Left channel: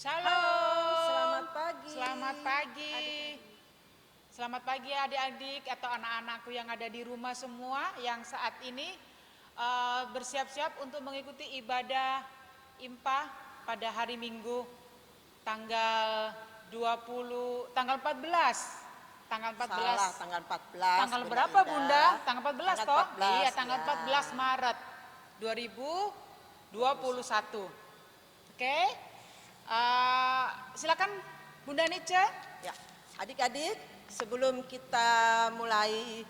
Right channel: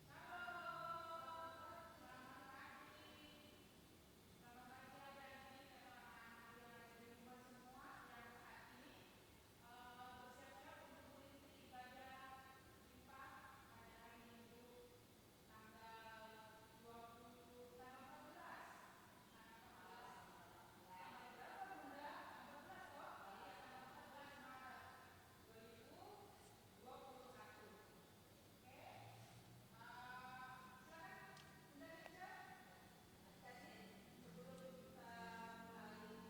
Shalom, Selamat pagi. selamat pagi. Selamat pagi adik-adik atau anak-anakku yang ada di rumah semua yang saat ini bersiap-siap untuk mengikuti ibadah IMPA pada hari Minggu tanggal 14. Tanggal 14. Salah, tanggal 14. Tanggal Bunda berapa Indah. Bunda? Tanggal 14 Tanggal toh? 14, Iya, tanggal ya. 14 Maret 2021. Oke. Silakan Bunda Nice. Ya, adik-adik, sebelum kita mulai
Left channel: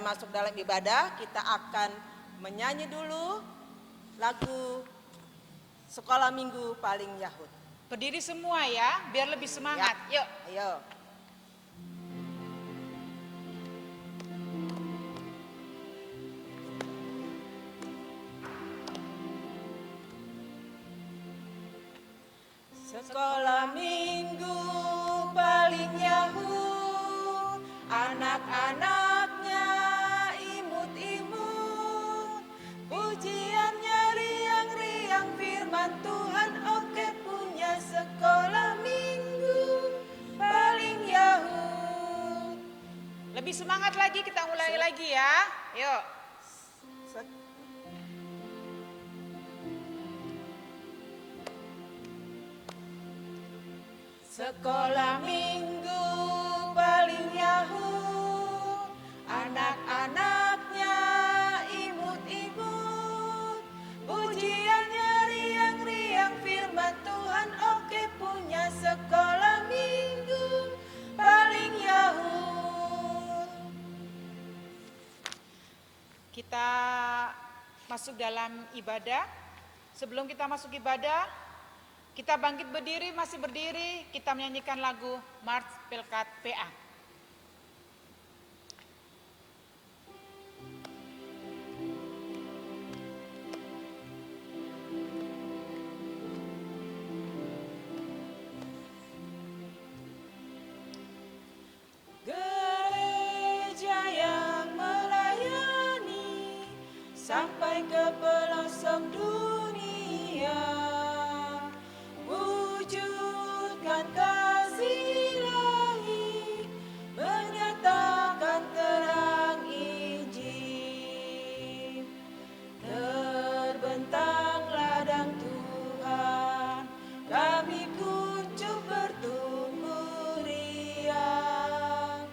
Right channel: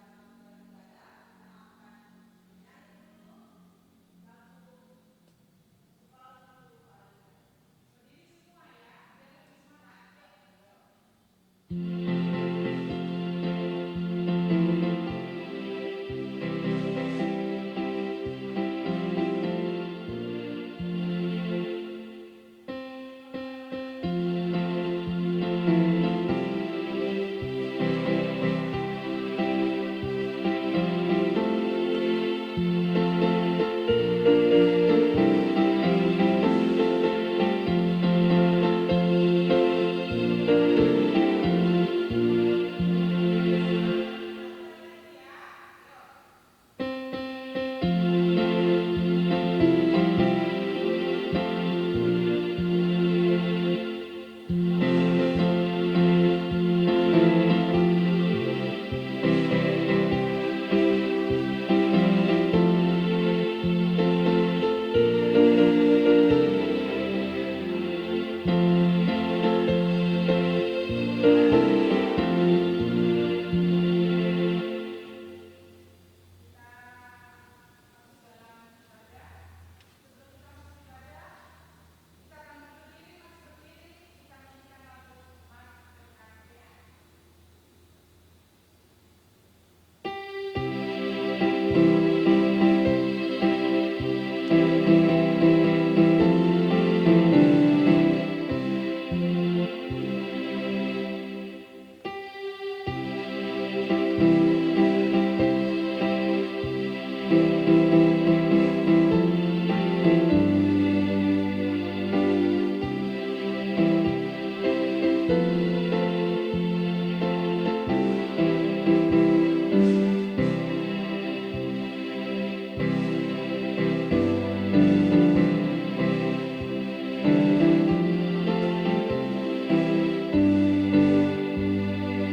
masuk dalam ibadah, kita akan menyanyi dulu lagu Sekolah Minggu Paling Yahud. Berdiri semua ya, biar lebih semangat. Ya. Yuk. Ayo. Sekolah Minggu paling Yahud, anak-anaknya imut-imut, ujiannya riang-riang firman Tuhan, oke punya sekolah minggu paling Yahud. Lebih semangat lagi, kita mulai lagi ya. Yuk. Sekolah minggu paling Yahud, anak-anaknya imut-imut, ujiannya riang-riang firman Tuhan, oke punya sekolah minggu paling Yahud. Kita masuk dalam ibadah. Sebelum kita masuk ibadah, kita bangkit berdiri, masih berdiri, kita menyanyikan lagu Mars Pelkat PA. Gereja yang melayani sampai ke pelosok dunia, wujudkan kasih ilahi, kenyatakan terang Injil. Terbentanglah dan Tuhan, kami pucuk bertumbuh riang.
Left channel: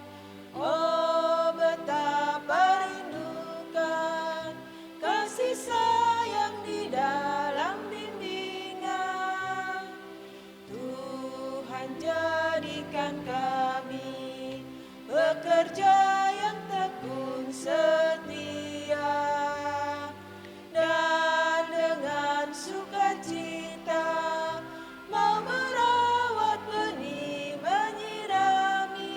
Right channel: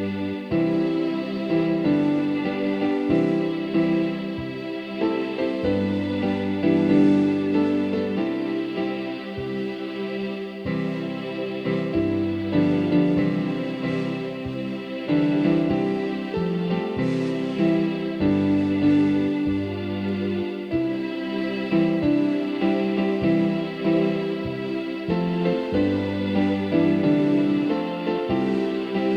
Oh betapa rindukan kasih sayang di dalam pimpinan. Tuhan jadikan kami pekerja yang teguh setia, dan dengan sukacita mau merawat benih-benih kami.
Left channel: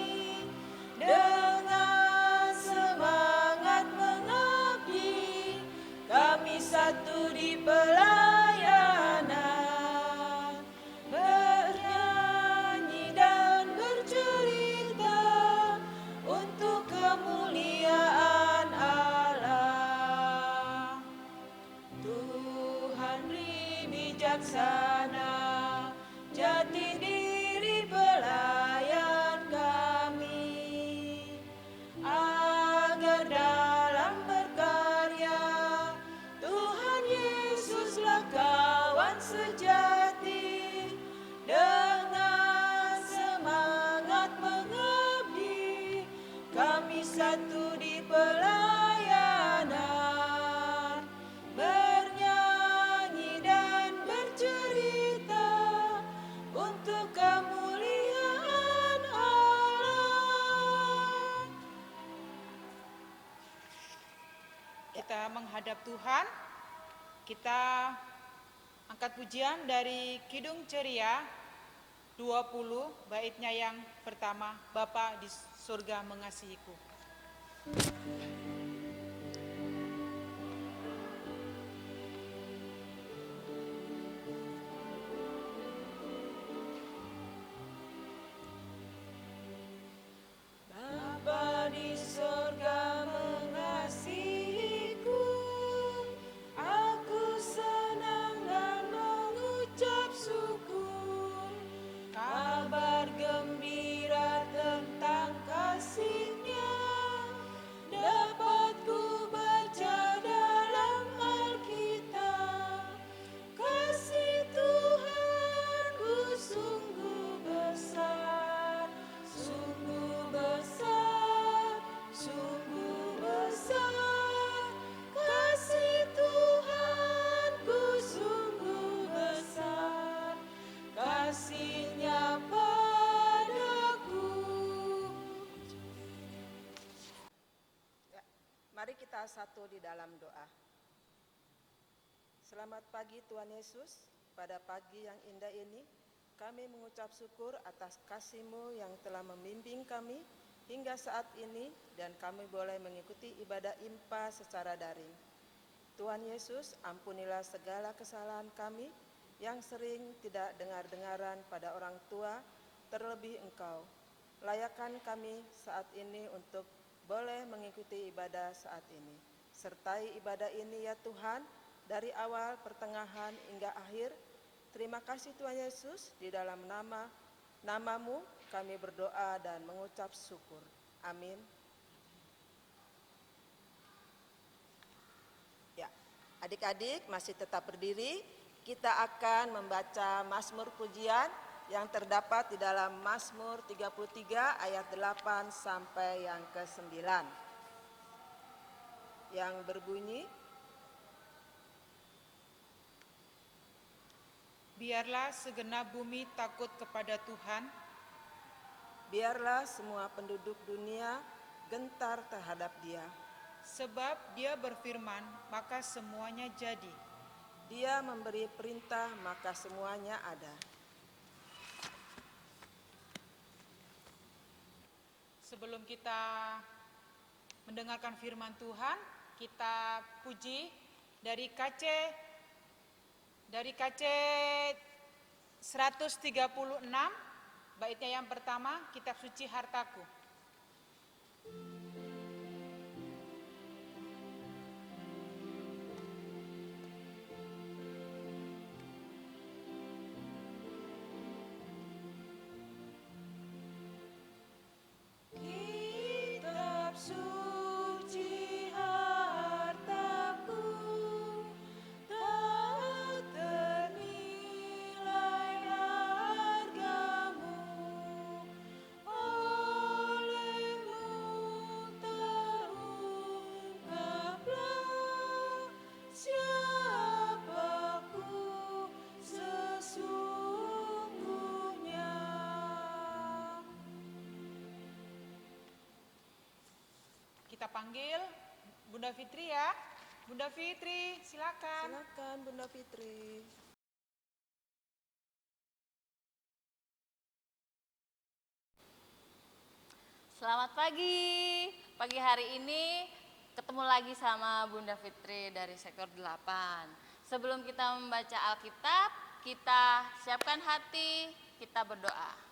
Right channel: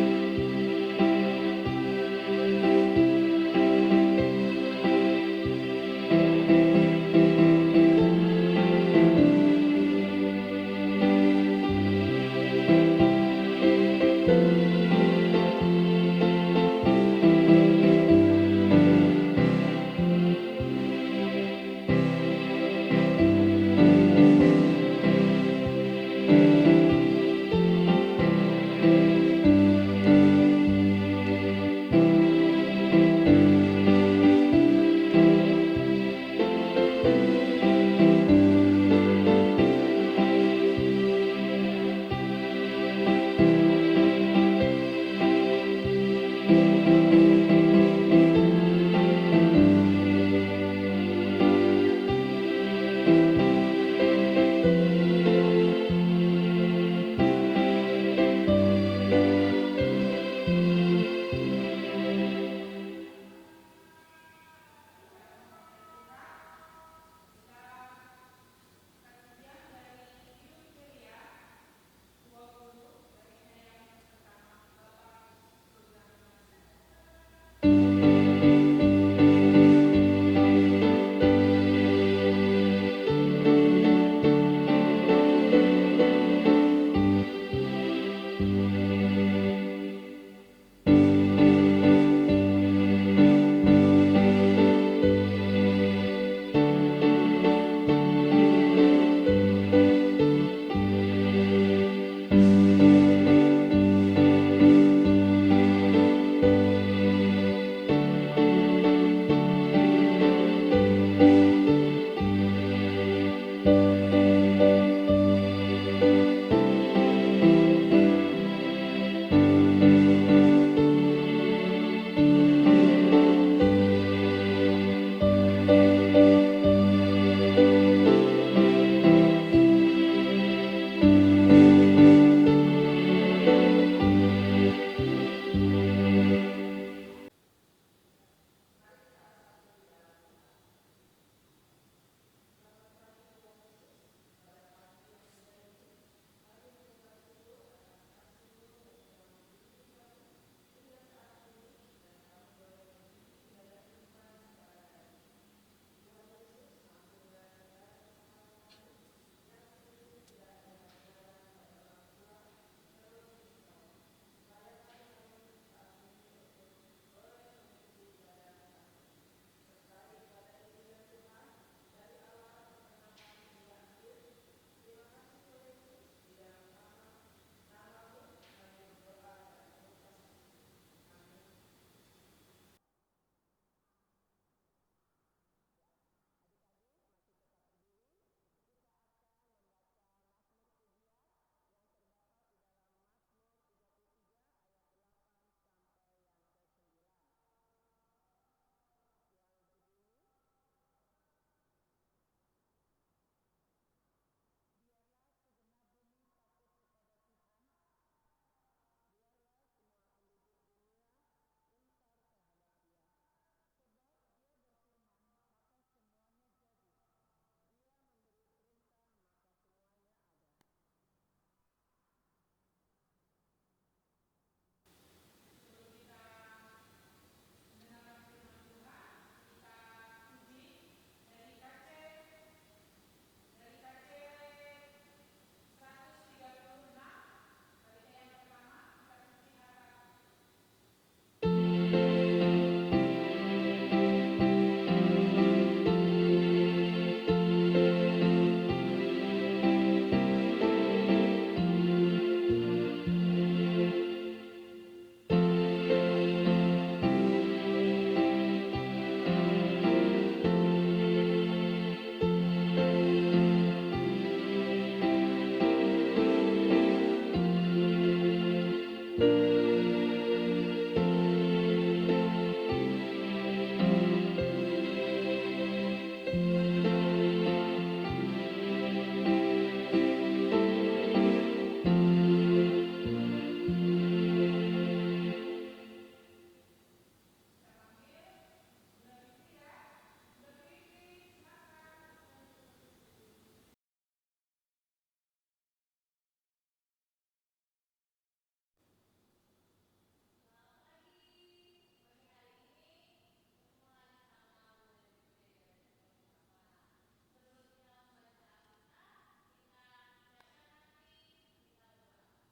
Dengan semangat mengabdi, kami satu di pelayanan, bernyanyi dan bercerita untuk kemuliaan Allah. Tuhan bijaksana, jati diri pelayan kami, agar dalam berkarya Tuhan Yesuslah kawan sejati. Dengan semangat mengabdi, kami satu di pelayanan, bernyanyi dan bercerita untuk kemuliaan Allah. Kita menghadap Tuhan. Kita angkat pujian dari Kidung Ceria 20, baitnya yang pertama, Bapa di surga mengasihiku. Bapa di surga mengasihiku, aku senang mengucap syukur. bersatu di dalam doa. Selamat pagi Tuhan Yesus, pada pagi yang indah ini kami mengucap syukur atas kasih-Mu yang telah membimbing kami hingga saat ini dan kami boleh mengikuti ibadah IMPA secara daring. Tuhan Yesus, ampunilah segala kesalahan kami yang sering tidak dengar-dengaran pada orang tua, terlebih Engkau. Layakkan kami saat ini untuk boleh mengikuti ibadah saat ini. Sertai ibadah ini ya Tuhan, dari awal, pertengahan, hingga akhir. Terima kasih Tuhan Yesus, di dalam namamu kami berdoa dan mengucap syukur. Amin. Ya, adik-adik masih tetap berdiri. Kita akan membaca Mazmur Pujian yang terdapat di dalam Mazmur 33 ayat 8 sampai yang ke-9. Yang berbunyi, Biarlah segenap bumi takut kepada Tuhan, biarlah semua penduduk dunia gentar terhadap Dia. sebab Dia berfirman, maka semuanya jadi. Dia memberi perintah, maka semuanya ada. Sebelum kita mendengarkan firman Tuhan, kita puji dari KC 136, baitnya yang pertama, Kitab Suci Hartaku. Kita panggil Bunda Fitri ya. Bunda Fitri, silakan. Silakan Bunda Fitri. Selamat pagi. Pagi hari ini ketemu lagi sama Bunda Fitri dari sektor 8. Sebelum kita membaca Alkitab, kita siapkan hati, kita berdoa.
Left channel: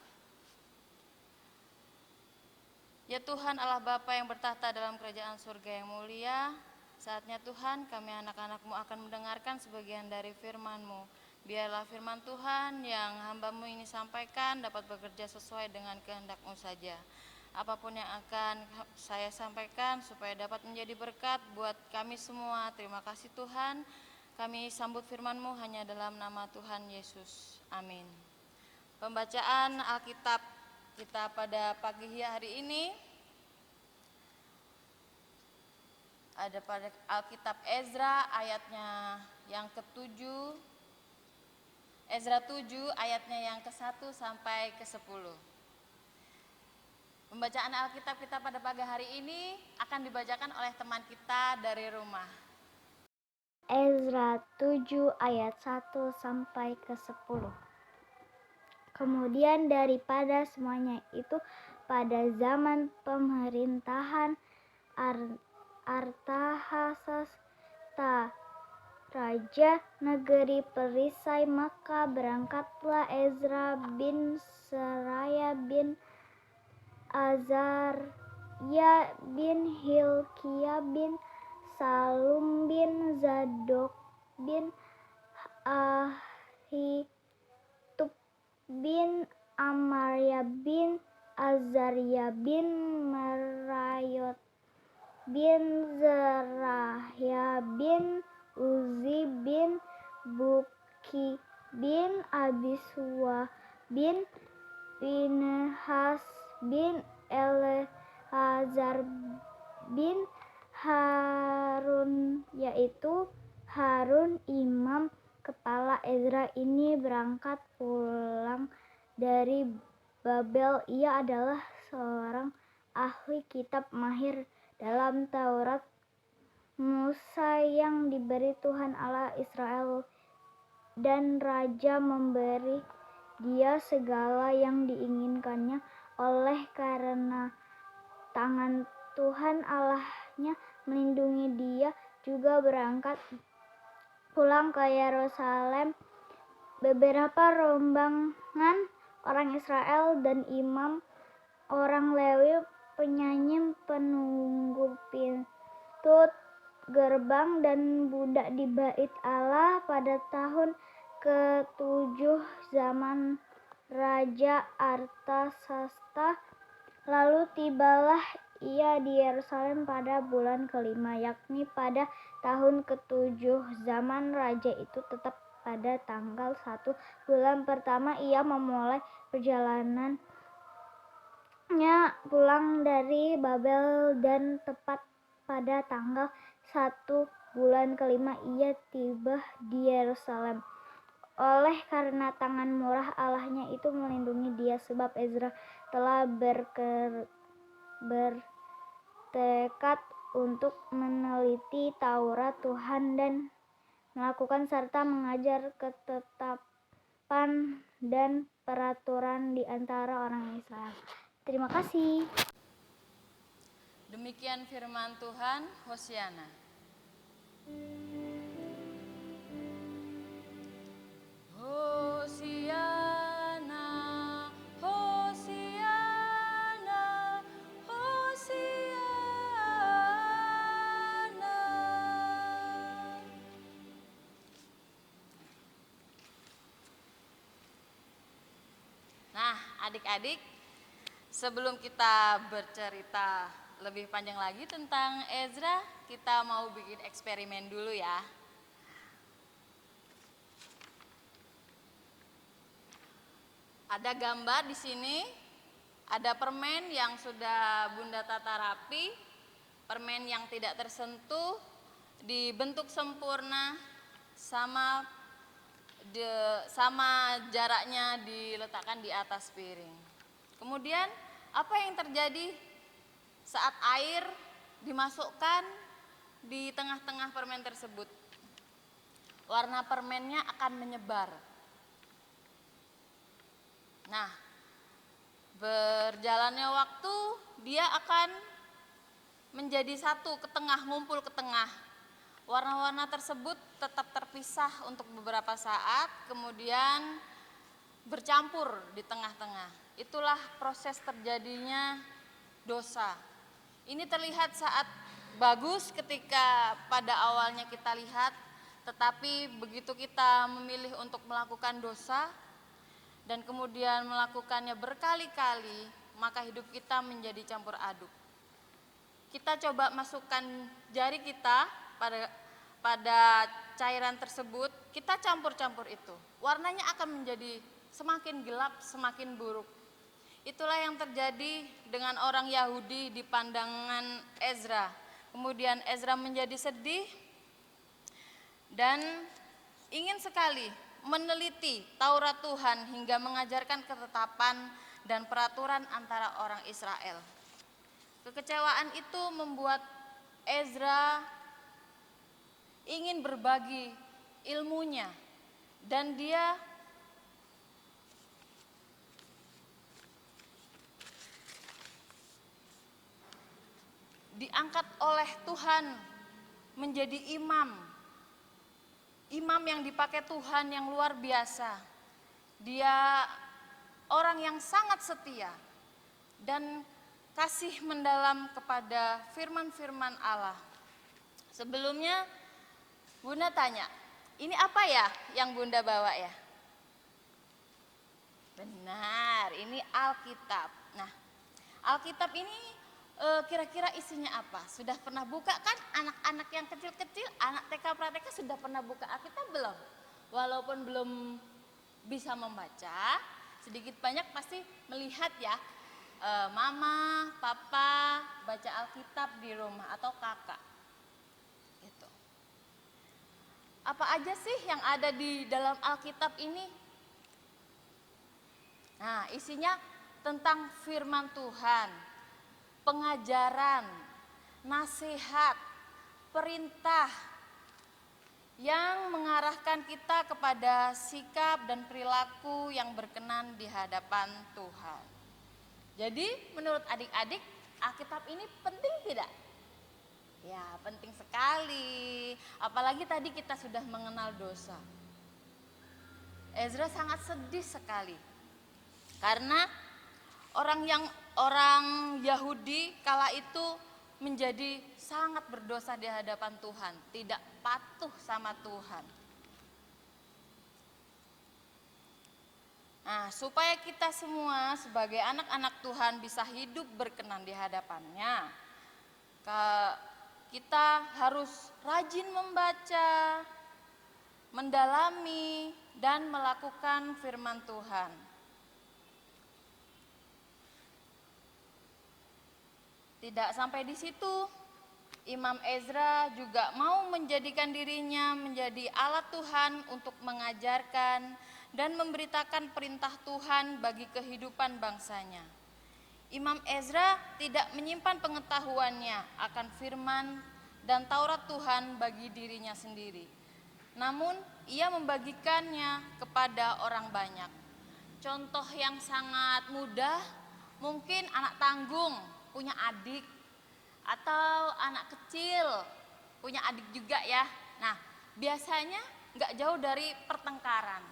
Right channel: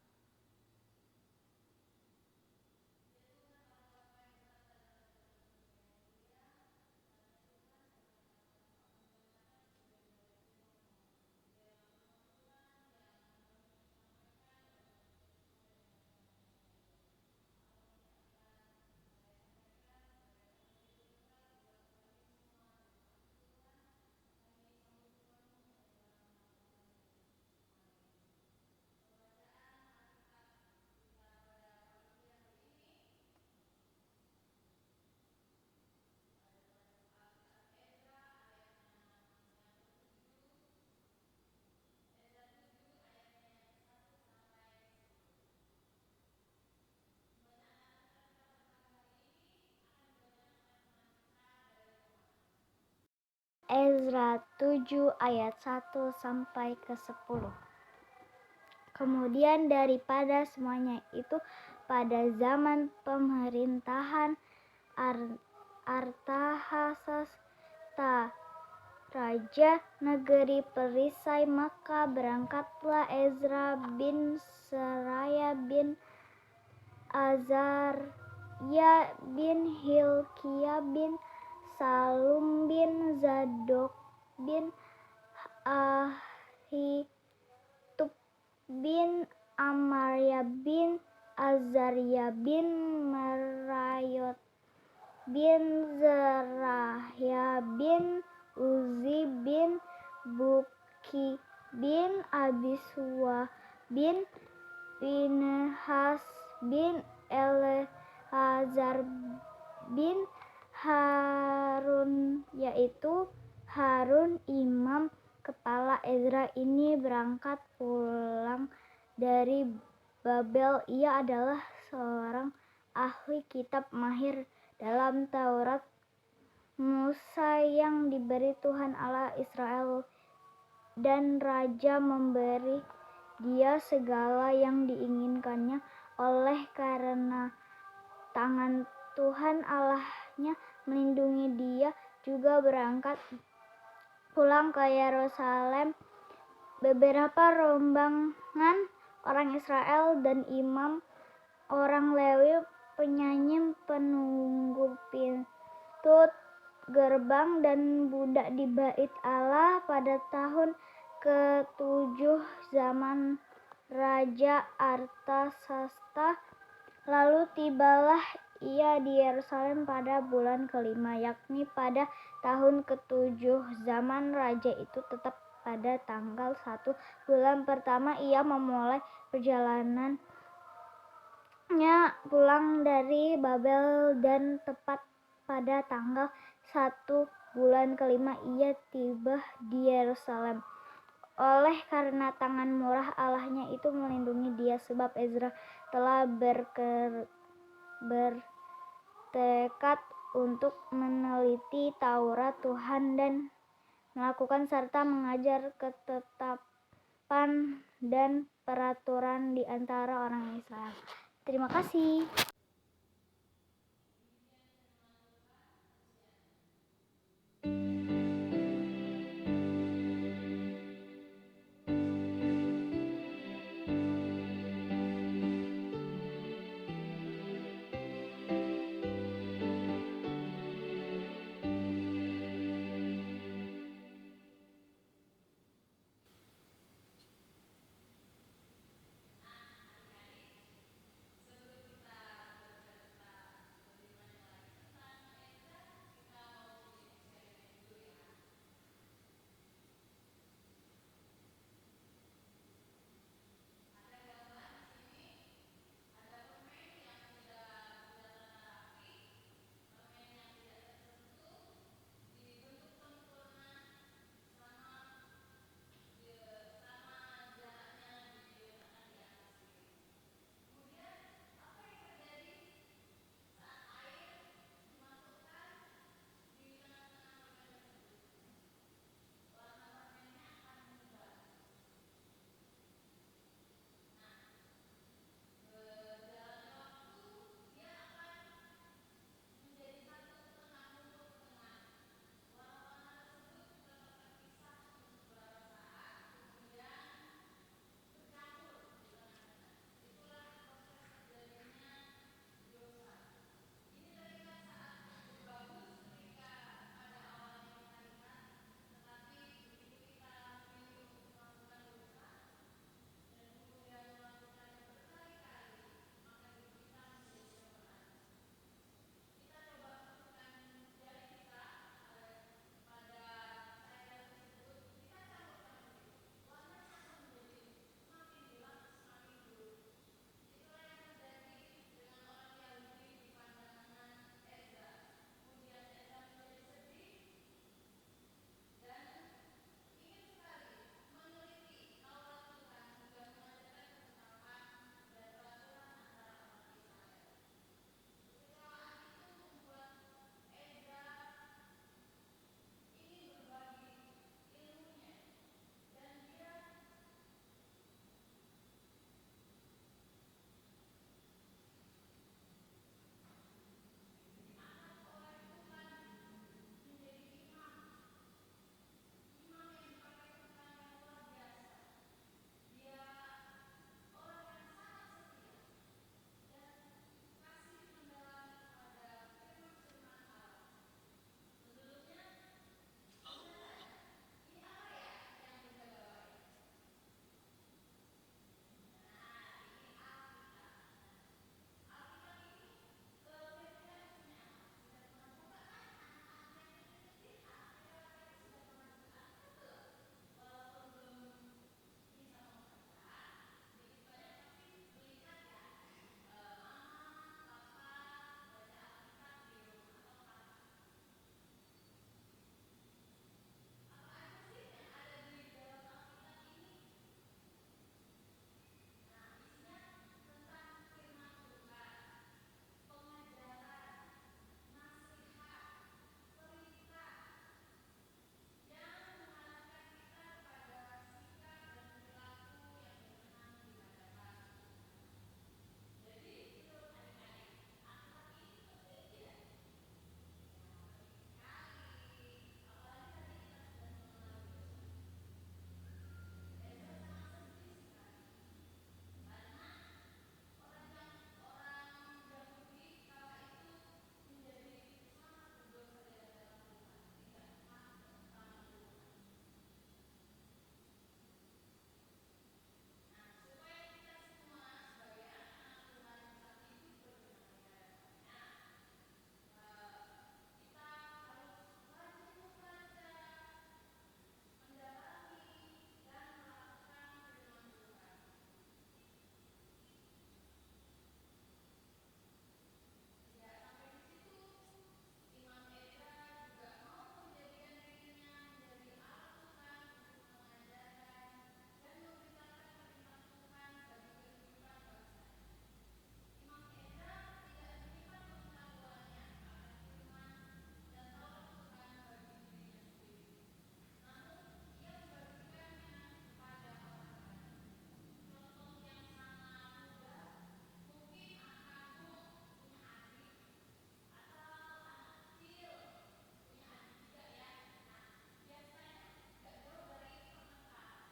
Ya Tuhan Allah Bapa yang bertahta dalam kerajaan surga yang mulia, saatnya Tuhan kami anak-anak-Mu akan mendengarkan sebagian dari firman-Mu. Biarlah firman Tuhan yang hamba-Mu ini sampaikan dapat bekerja sesuai dengan kehendak-Mu saja. Apapun yang akan saya sampaikan supaya dapat menjadi berkat buat kami semua. Terima kasih Tuhan. Kami sambut firman-Mu hanya dalam nama Tuhan Yesus. Amin. Pembacaan Alkitab kita pada pagi hari ini ada pada Alkitab Ezra ayatnya yang ke-7, Ezra 7 ayatnya yang ke-1 sampai ke-10. Pembacaan Alkitab kita pada pagi hari ini akan dibacakan oleh teman kita dari rumah. Ezra 7 ayat 1 sampai ke 10. Kemudian daripada semuanya itu, pada zaman pemerintahan Artahsasta, raja negeri perisai, maka berangkatlah Ezra bin Seraya bin Azarya bin Hilkiah bin Salum bin Zadok bin Ahitub bin Amarya bin Azarya bin Merayot bin Zerahya bin Uzi bin Buki bin Abiswa bin Pinhas bin Eleazar bin Harun, yaitu Harun imam kepala Ezra ini berangkat pulang dari Babel. Ia adalah seorang ahli kitab mahir dalam Taurat Musa yang diberi Tuhan Allah Israel, dan raja memberi dia segala yang diinginkannya. Oleh karena tangan Tuhan Allahnya melindungi dia, juga berangkat pulang ke Yerusalem beberapa rombongan orang Israel dan imam, orang Lewi, penyanyi, penunggu pintu gerbang, dan budak di bait Allah pada tahun ke-7 zaman Raja Artasasta. Lalu tibalah ia di Yerusalem pada bulan ke-5, yakni pada tahun ke-7 zaman raja itu. Tetap pada tanggal 1 bulan pertama ia memulai perjalanannya pulang dari Babel, dan tepat pada tanggal 1 bulan ke-5 ia tiba di Yerusalem. Oleh karena tangan murah Allahnya itu melindungi dia, sebab Ezra telah bertekad untuk meneliti Taurat Tuhan dan melakukan serta mengajar ketetapan dan peraturan di antara orang Israel. Terima kasih. Demikian firman Tuhan. Hosiana. Hosiana, Hosiana, Hosiana. Nah, adik-adik, sebelum kita bercerita lebih panjang lagi tentang Ezra, kita mau bikin eksperimen dulu ya. Ada gambar di sini, ada permen yang sudah Bunda tata rapi, permen yang tidak tersentuh, dibentuk sempurna, sama jaraknya diletakkan di atas piring. Kemudian apa yang terjadi saat air dimasukkan di tengah-tengah permen tersebut? Warna permennya akan menyebar. Nah, berjalannya waktu dia akan menjadi satu ke tengah, ngumpul ke tengah. Warna-warna tersebut tetap terpisah untuk beberapa saat, kemudian bercampur di tengah-tengah. Itulah proses terjadinya dosa. Ini terlihat saat bagus ketika pada awalnya kita lihat, tetapi begitu kita memilih untuk melakukan dosa dan kemudian melakukannya berkali-kali, maka hidup kita menjadi campur aduk. Kita coba masukkan jari kita pada cairan tersebut, kita campur-campur itu. Warnanya akan menjadi semakin gelap, semakin buruk. Itulah yang terjadi dengan orang Yahudi di pandangan Ezra. Kemudian Ezra menjadi sedih dan ingin sekali meneliti Taurat Tuhan hingga mengajarkan ketetapan dan peraturan antara orang Israel. Kekecewaan itu membuat Ezra ingin berbagi ilmunya, dan dia diangkat oleh Tuhan menjadi imam yang dipakai Tuhan yang luar biasa. Dia orang yang sangat setia dan kasih mendalam kepada firman-firman Allah. Sebelumnya Bunda tanya, ini apa ya yang Bunda bawa ya? Benar, ini Alkitab. Nah, Alkitab ini kira-kira isinya apa? Sudah pernah buka kan? Anak-anak yang kecil-kecil, anak TK Prateka sudah pernah buka Alkitab belum? Walaupun belum bisa membaca, sedikit banyak pasti melihat ya, mama, papa baca Alkitab di rumah atau kakak. Gitu. Apa aja sih yang ada di dalam Alkitab ini? Nah, isinya tentang firman Tuhan, pengajaran, nasihat, perintah yang mengarahkan kita kepada sikap dan perilaku yang berkenan di hadapan Tuhan. Jadi menurut adik-adik, Alkitab ini penting tidak? Ya, penting sekali. Apalagi tadi kita sudah mengenal dosa. Ezra sangat sedih sekali karena orang Yahudi kala itu menjadi sangat berdosa di hadapan Tuhan, tidak patuh sama Tuhan. Nah, supaya kita semua sebagai anak-anak Tuhan bisa hidup berkenan di hadapannya, kita harus rajin membaca, mendalami, dan melakukan firman Tuhan. Tidak sampai di situ, Imam Ezra juga mau menjadikan dirinya menjadi alat Tuhan untuk mengajarkan dan memberitakan perintah Tuhan bagi kehidupan bangsanya. Imam Ezra tidak menyimpan pengetahuannya akan firman dan Taurat Tuhan bagi dirinya sendiri. Namun, ia membagikannya kepada orang banyak. Contoh yang sangat mudah, mungkin anak tanggung punya adik, atau anak kecil punya adik juga ya. Nah, biasanya nggak jauh dari pertengkaran.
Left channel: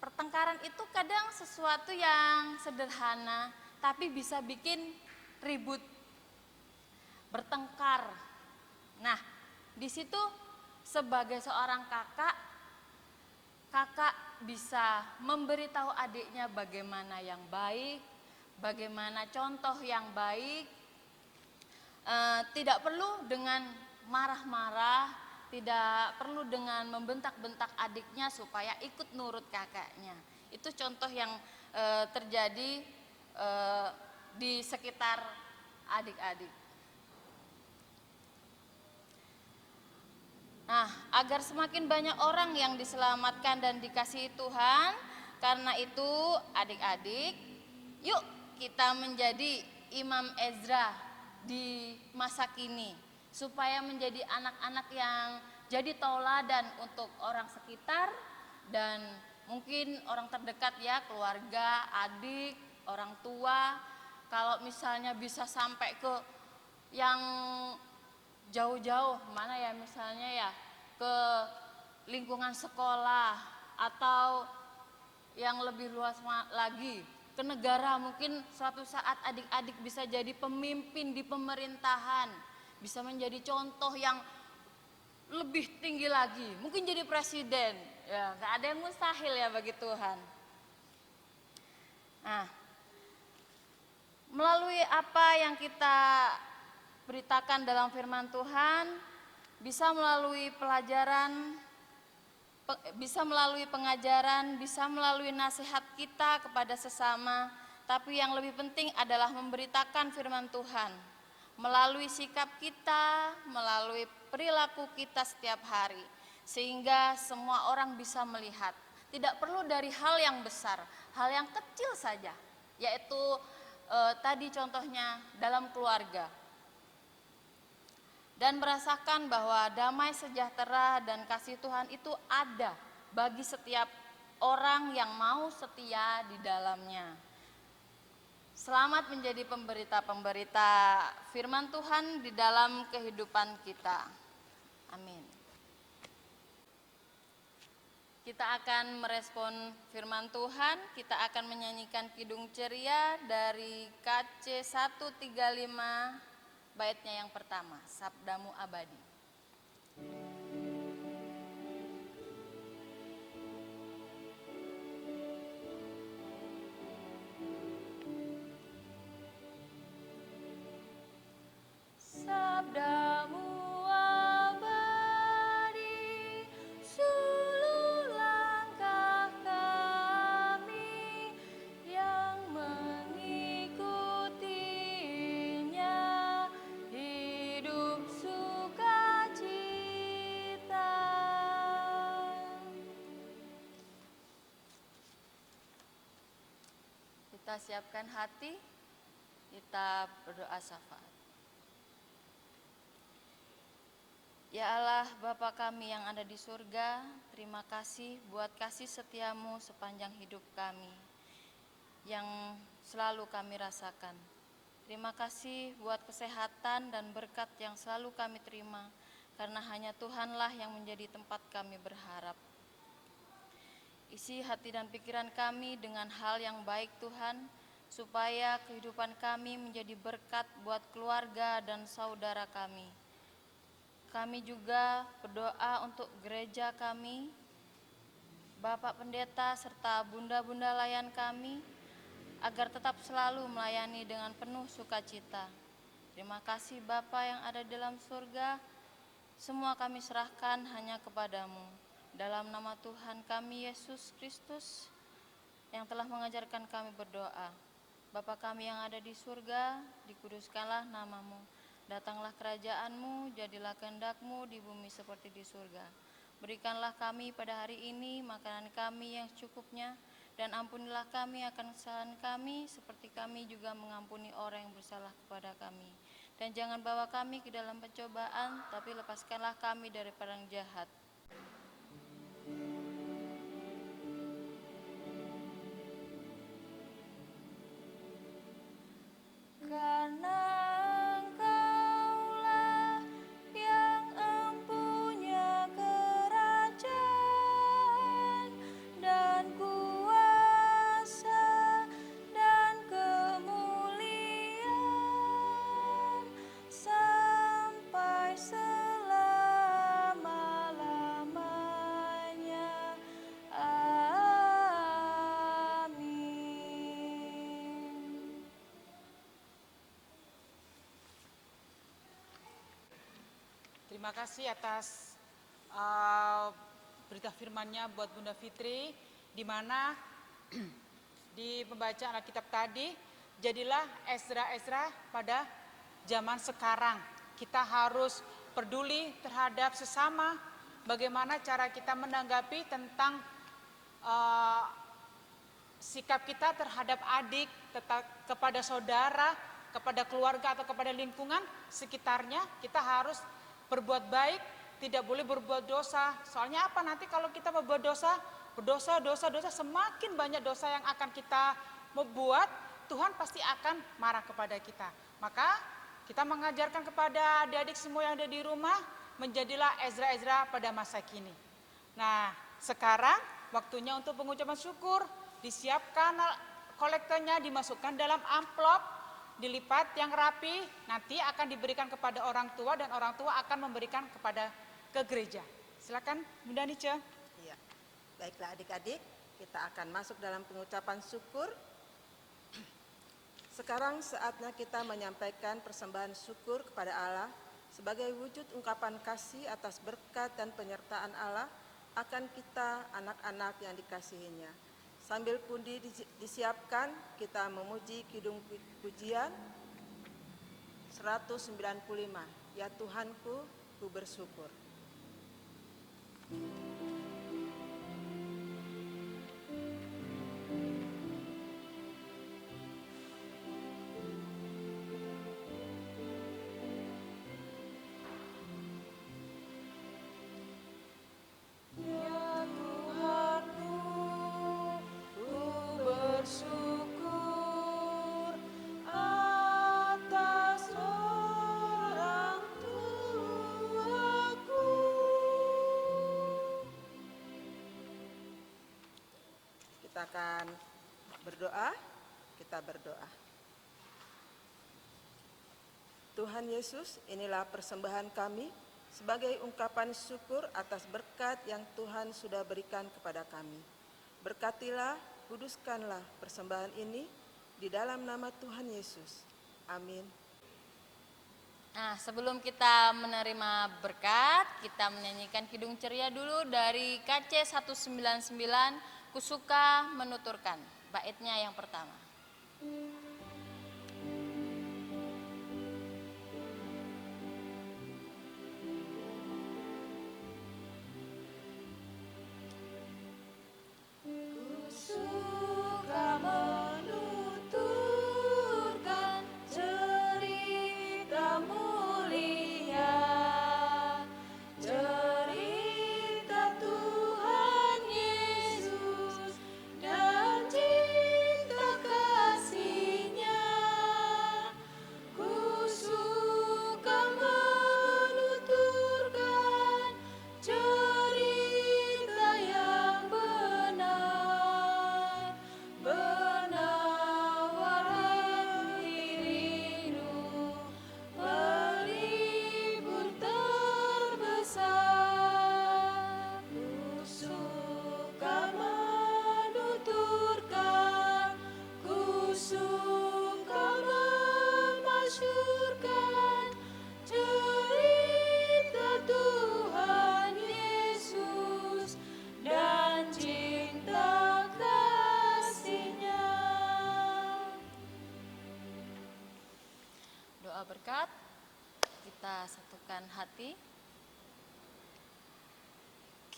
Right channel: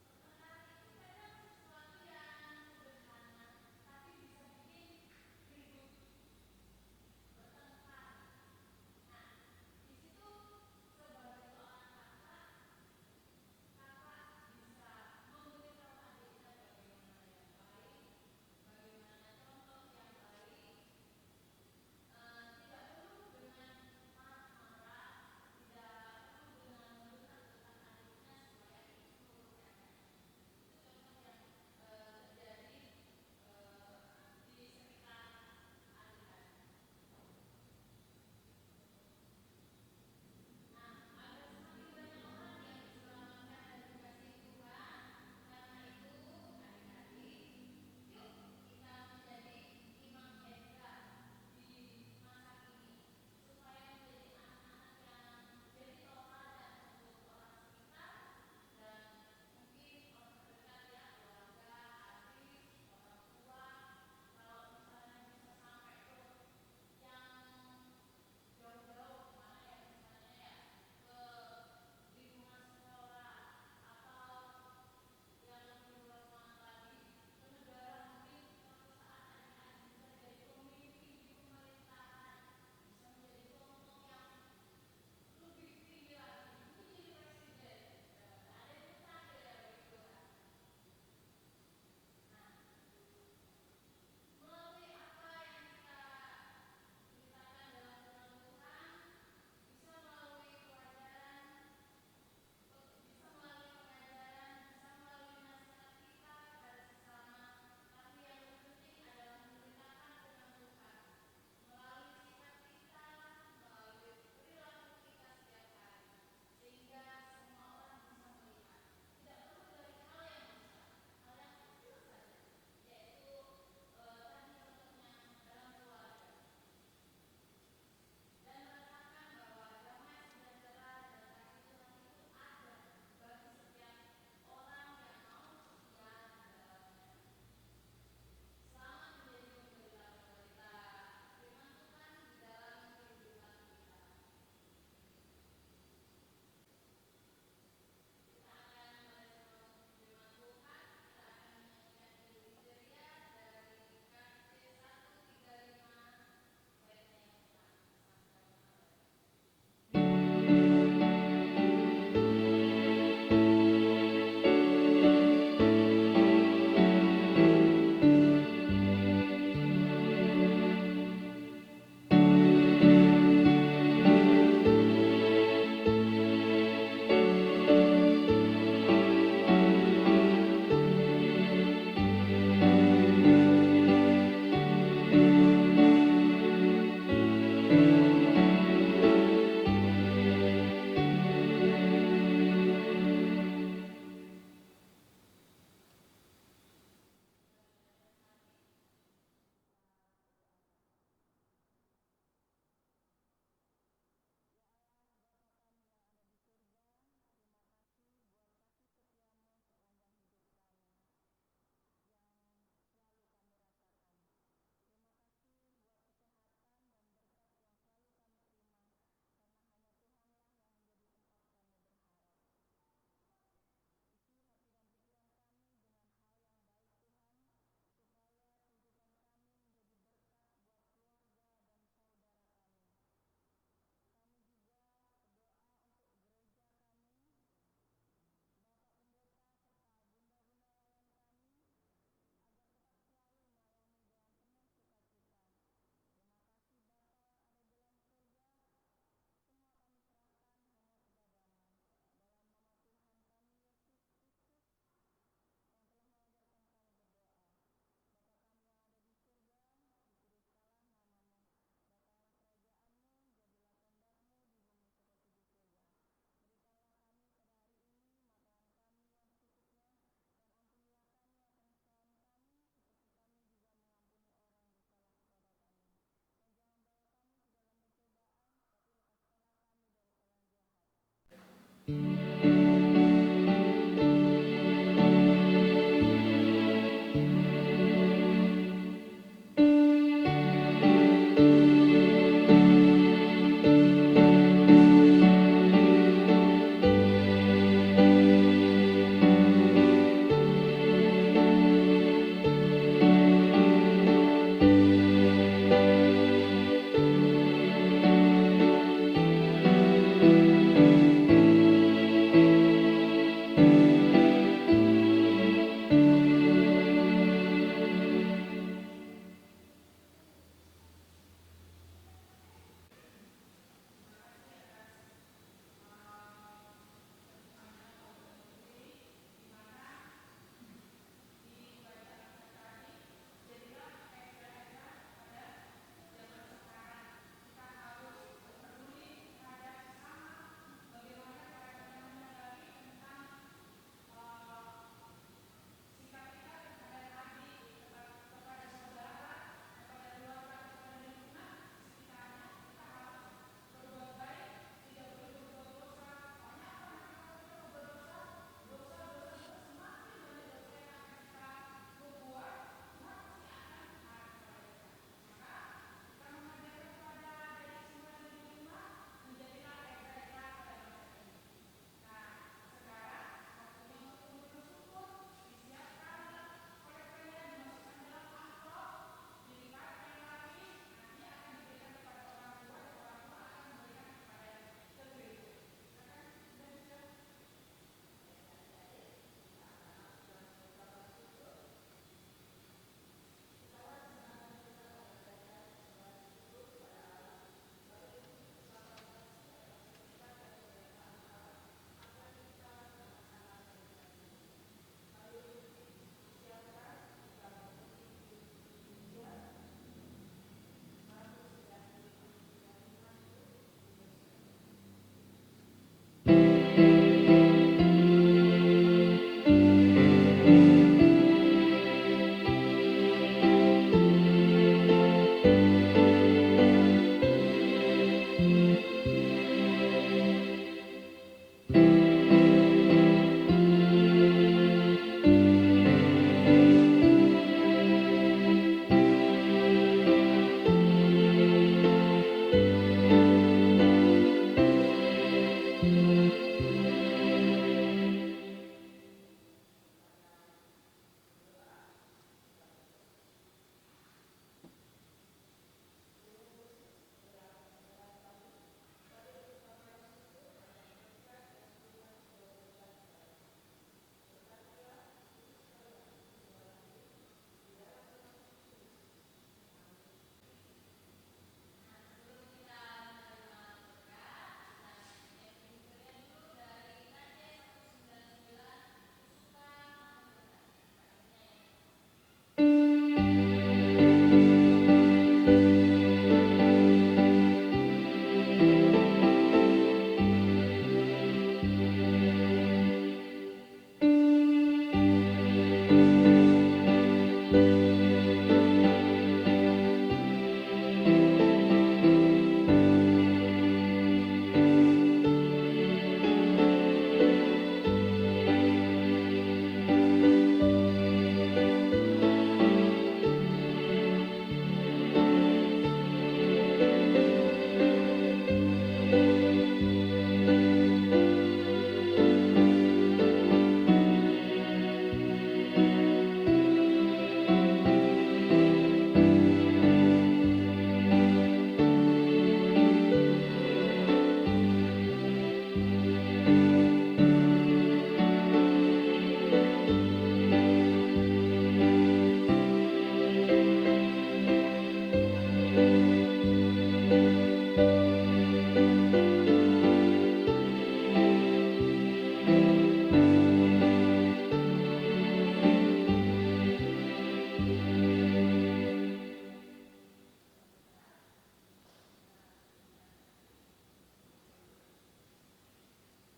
Pertengkaran itu kadang sesuatu yang sederhana, tapi bisa bikin ribut, bertengkar. Nah, di situ sebagai seorang kakak bisa memberitahu adiknya bagaimana yang baik, bagaimana contoh yang baik. Tidak perlu dengan marah-marah, tidak perlu dengan membentak-bentak adiknya supaya ikut nurut kakaknya. Itu contoh yang terjadi di sekitar adik-adik. Nah, agar semakin banyak orang yang diselamatkan dan dikasihi Tuhan, karena itu adik-adik, yuk kita menjadi Imam Ezra di masa kini, supaya menjadi anak-anak yang jadi tauladan untuk orang sekitar dan mungkin orang terdekat ya, keluarga, adik, orang tua. Kalau misalnya bisa sampai ke yang jauh-jauh, mana ya misalnya ya, ke lingkungan sekolah atau yang lebih luas lagi, ke negara. Mungkin suatu saat adik-adik bisa jadi pemimpin di pemerintahan, bisa menjadi contoh yang lebih tinggi lagi, mungkin jadi presiden. Ya, gak ada yang mustahil ya bagi Tuhan. Nah, melalui apa yang kita beritakan dalam firman Tuhan, bisa melalui pelajaran, bisa melalui pengajaran, bisa melalui nasihat kita kepada sesama, tapi yang lebih penting adalah memberitakan firman Tuhan melalui sikap kita, melalui perilaku kita setiap hari, sehingga semua orang bisa melihat. Tidak perlu dari hal yang besar, hal yang kecil saja, yaitu tadi contohnya dalam keluarga, dan merasakan bahwa damai sejahtera dan kasih Tuhan itu ada bagi setiap orang yang mau setia di dalamnya. Selamat menjadi pemberita-pemberita firman Tuhan di dalam kehidupan kita. Amin. Kita akan merespon firman Tuhan, kita akan menyanyikan Kidung Ceria dari KC 135, baitnya yang pertama, Sabdamu Abadi. Kita siapkan hati, kita berdoa syafaat. Allah Bapa kami yang ada di surga, terima kasih buat kasih setiamu sepanjang hidup kami yang selalu kami rasakan. Terima kasih buat kesehatan dan berkat yang selalu kami terima, karena hanya Tuhanlah yang menjadi tempat kami berharap. Isi hati dan pikiran kami dengan hal yang baik Tuhan, supaya kehidupan kami menjadi berkat buat keluarga dan saudara kami. Kami juga berdoa untuk gereja kami, Bapak Pendeta serta bunda-bunda layan kami, agar tetap selalu melayani dengan penuh sukacita. Terima kasih Bapa yang ada di dalam surga, semua kami serahkan hanya kepadamu. Dalam nama Tuhan kami Yesus Kristus yang telah mengajarkan kami berdoa. Bapa kami yang ada di surga, dikuduskanlah namamu. Datanglah kerajaanmu, jadilah kehendak-Mu di bumi seperti di surga. Berikanlah kami pada hari ini makanan kami yang secukupnya, dan ampunilah kami akan kesalahan kami, seperti kami juga mengampuni orang yang bersalah kepada kami. Dan jangan bawa kami ke dalam pencobaan, tapi lepaskanlah kami daripada yang jahat. Terima kasih atas berita firman-Nya buat Bunda Fitri, di mana di pembacaan Alkitab tadi, jadilah Ezra-Ezra pada zaman sekarang. Kita harus peduli terhadap sesama, bagaimana cara kita menanggapi tentang sikap kita terhadap adik, kepada saudara, kepada keluarga atau kepada lingkungan sekitarnya. Kita harus berbuat baik, tidak boleh berbuat dosa. Soalnya apa? Nanti kalau kita membuat dosa, semakin banyak dosa yang akan kita membuat, Tuhan pasti akan marah kepada kita. Maka kita mengajarkan kepada adik-adik semua yang ada di rumah, menjadilah Ezra-Ezra pada masa kini. Nah, sekarang waktunya untuk pengucapan syukur. Disiapkan kolektornya, dimasukkan dalam amplop, dilipat yang rapi, nanti akan diberikan kepada orang tua, dan orang tua akan memberikan ke gereja. Silakan Bunda Nice. Iya. Baiklah adik-adik, kita akan masuk dalam pengucapan syukur. Sekarang saatnya kita menyampaikan persembahan syukur kepada Allah sebagai wujud ungkapan kasih atas berkat dan penyertaan Allah akan kita anak-anak yang dikasihinya. Sambil pundi disiapkan, kita memuji kidung pujian 195. Ya Tuhanku, ku bersyukur. Kita berdoa. Tuhan Yesus, inilah persembahan kami sebagai ungkapan syukur atas berkat yang Tuhan sudah berikan kepada kami. Berkatilah, kuduskanlah persembahan ini di dalam nama Tuhan Yesus. Amin. Nah, sebelum kita menerima berkat, kita menyanyikan Kidung Ceria dulu dari KC 199, Kusuka Menuturkan. Baitnya yang pertama. Cerita mulia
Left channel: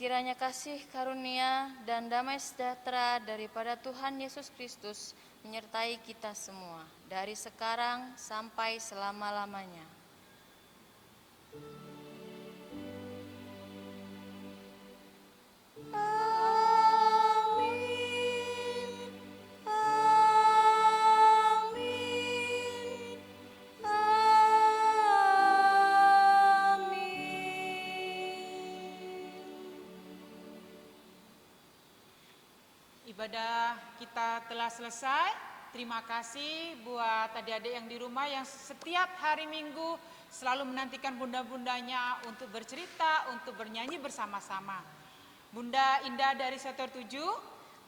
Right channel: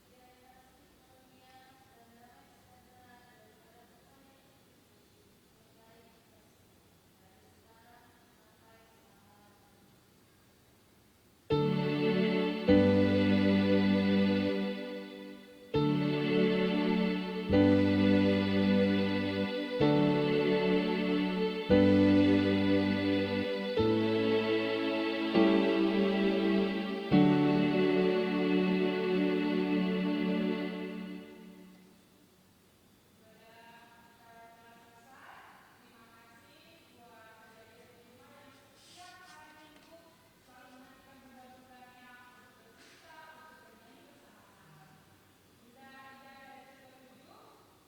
Kiranya kasih karunia dan damai sejahtera daripada Tuhan Yesus Kristus menyertai kita semua dari sekarang sampai selama-lamanya. Ibadah kita telah selesai. Terima kasih buat adik-adik yang di rumah yang setiap hari Minggu selalu menantikan bunda-bundanya untuk bercerita, untuk bernyanyi bersama-sama. Bunda Indah dari sektor 7,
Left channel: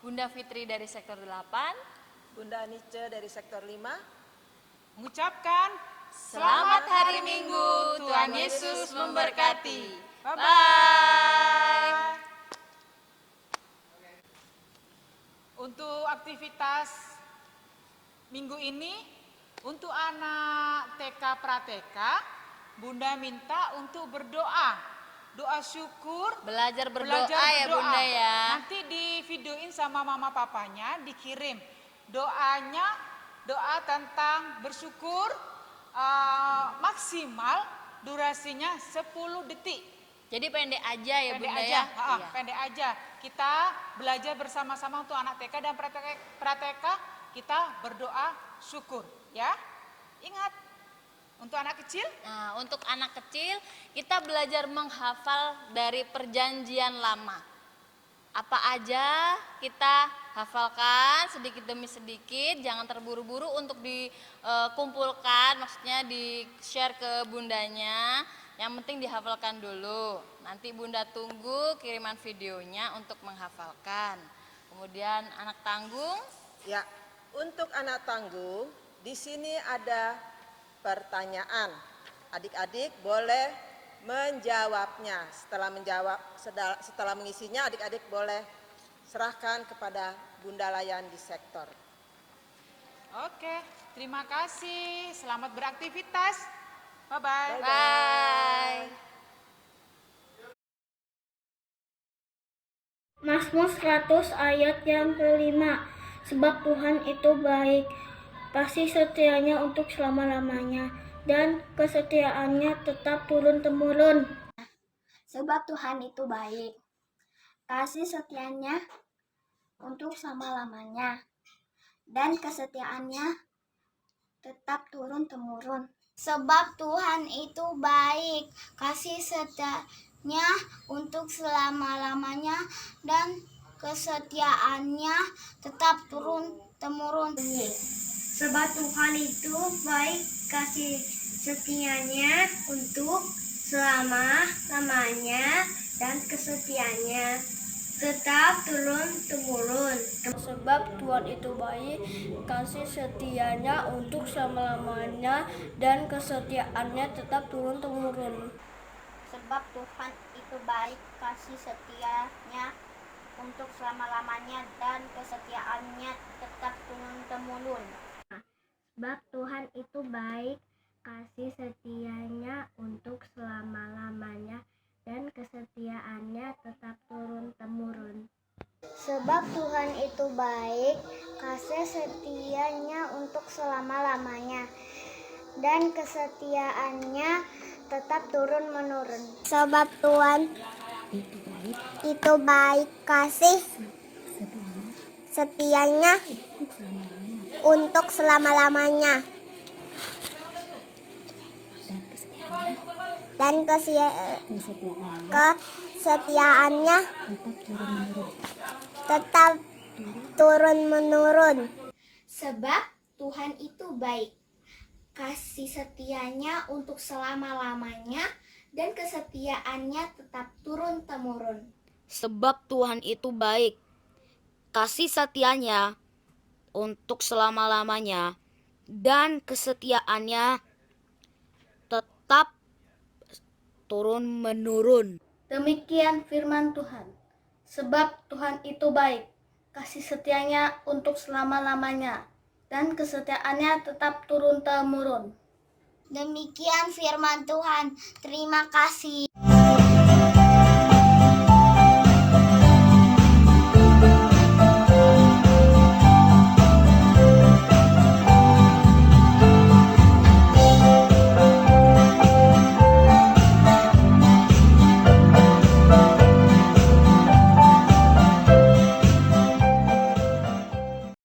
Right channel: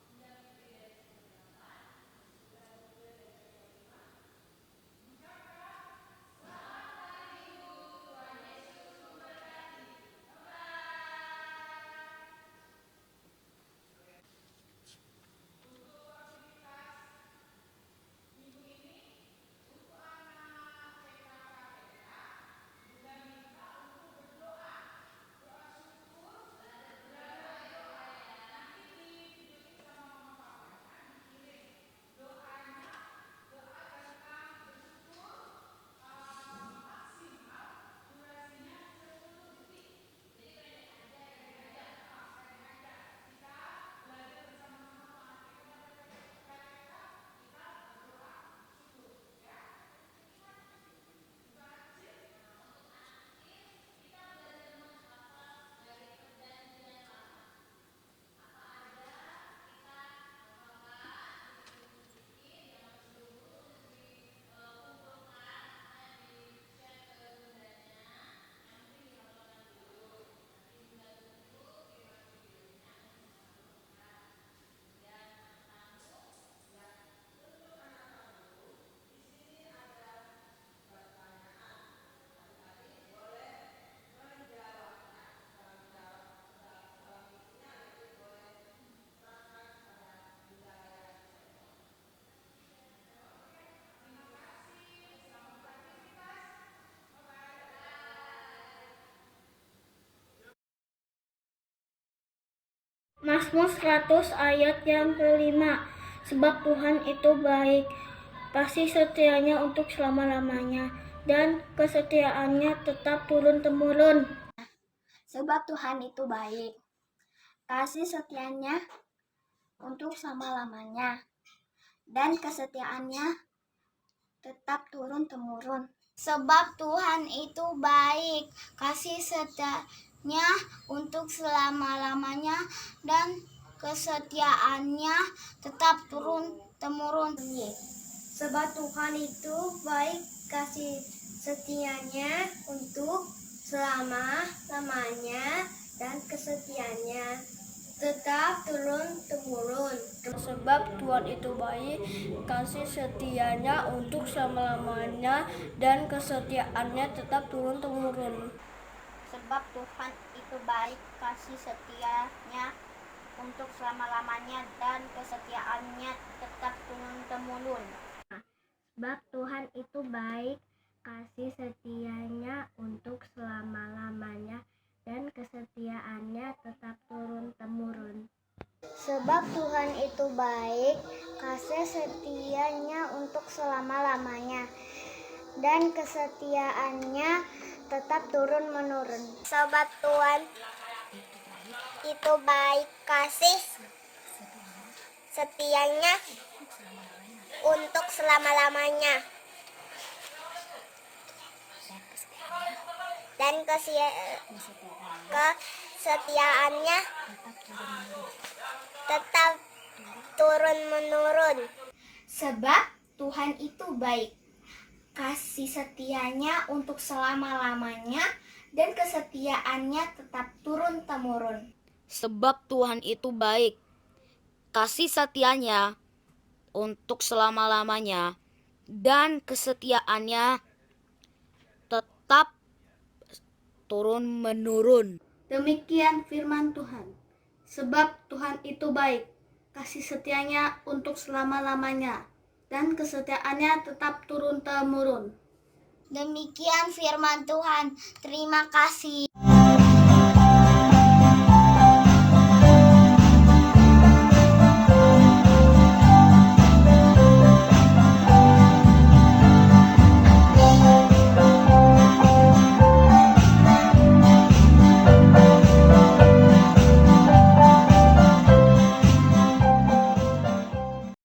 Bunda Fitri dari sektor 8, Bunda Anice dari sektor 5. mengucapkan Selamat hari Minggu, Tuhan Yesus memberkati. Bye-bye. Untuk aktivitas minggu ini, untuk anak TK Prateka, Bunda minta untuk berdoa. Doa syukur, Belajar berdoa belajar ya berdoa. Bunda ya. Nanti di videoin sama mama papanya, dikirim doanya, doa tentang bersyukur, maksimal durasinya 10 detik. Jadi pendek aja ya Pendek Bunda aja, ya. Iya. pendek aja. Kita belajar bersama-sama untuk anak TK dan prateka, kita berdoa syukur, ya. Ingat, untuk anak kecil, Nah, untuk anak kecil kita belajar menghafal dari perjanjian lama. Apa aja kita hafalkan sedikit demi sedikit, jangan terburu-buru untuk dikumpulkan, maksudnya di-share ke bundanya. Yang penting dihafalkan dulu. Nanti Bunda tunggu kiriman videonya untuk menghafalkan. Kemudian anak tanggung, Ya, untuk anak tangguh, di sini ada pertanyaan. Adik-adik boleh menjawabnya. Setelah mengisinya, adik-adik boleh serahkan kepada Bunda Layan di sektor. oke. Terima kasih, selamat beraktivitas. Bye-bye. bye. Mazmur 100 ayat yang kelima. Sebab Tuhan itu baik, kasih setianya untuk selama-lamanya, dan kesetiaannya tetap turun-temurun. Sebab Tuhan itu baik, kasih setianya untuk selama-lamanya, dan kesetiaannya tetap turun-temurun. Sebab Tuhan itu baik, kasih setianya untuk selama-lamanya, dan kesetiaannya tetap turun-temurun. Sebab Tuhan itu baik, kasih setianya untuk selama-lamanya, dan kesetiaannya tetap turun-temurun. Sebab Tuhan itu baik, kasih setianya untuk selama-lamanya, dan kesetiaannya tetap turun-temurun. Sebab Tuhan itu baik, kasih setianya untuk selama-lamanya, dan kesetiaannya tetap turun-temurun. Sebab Tuhan itu baik, kasih setianya untuk selama-lamanya, dan kesetiaannya tetap turun-temurun. Sebab Tuhan itu baik, kasih setianya untuk selama-lamanya, dan kesetiaannya tetap turun-menurun. Sebab Tuhan itu baik, kasih setianya untuk selama-lamanya, dan kesetiaannya tetap turun-menurun. Sebab Tuhan itu baik, kasih setianya untuk selama-lamanya, dan kesetiaannya tetap turun-temurun. Sebab Tuhan itu baik, kasih setianya untuk selama-lamanya, dan kesetiaannya tetap turun-menurun. Demikian firman Tuhan. Sebab Tuhan itu baik, kasih setianya untuk selama-lamanya, dan kesetiaannya tetap turun-temurun. Demikian firman Tuhan. Terima kasih.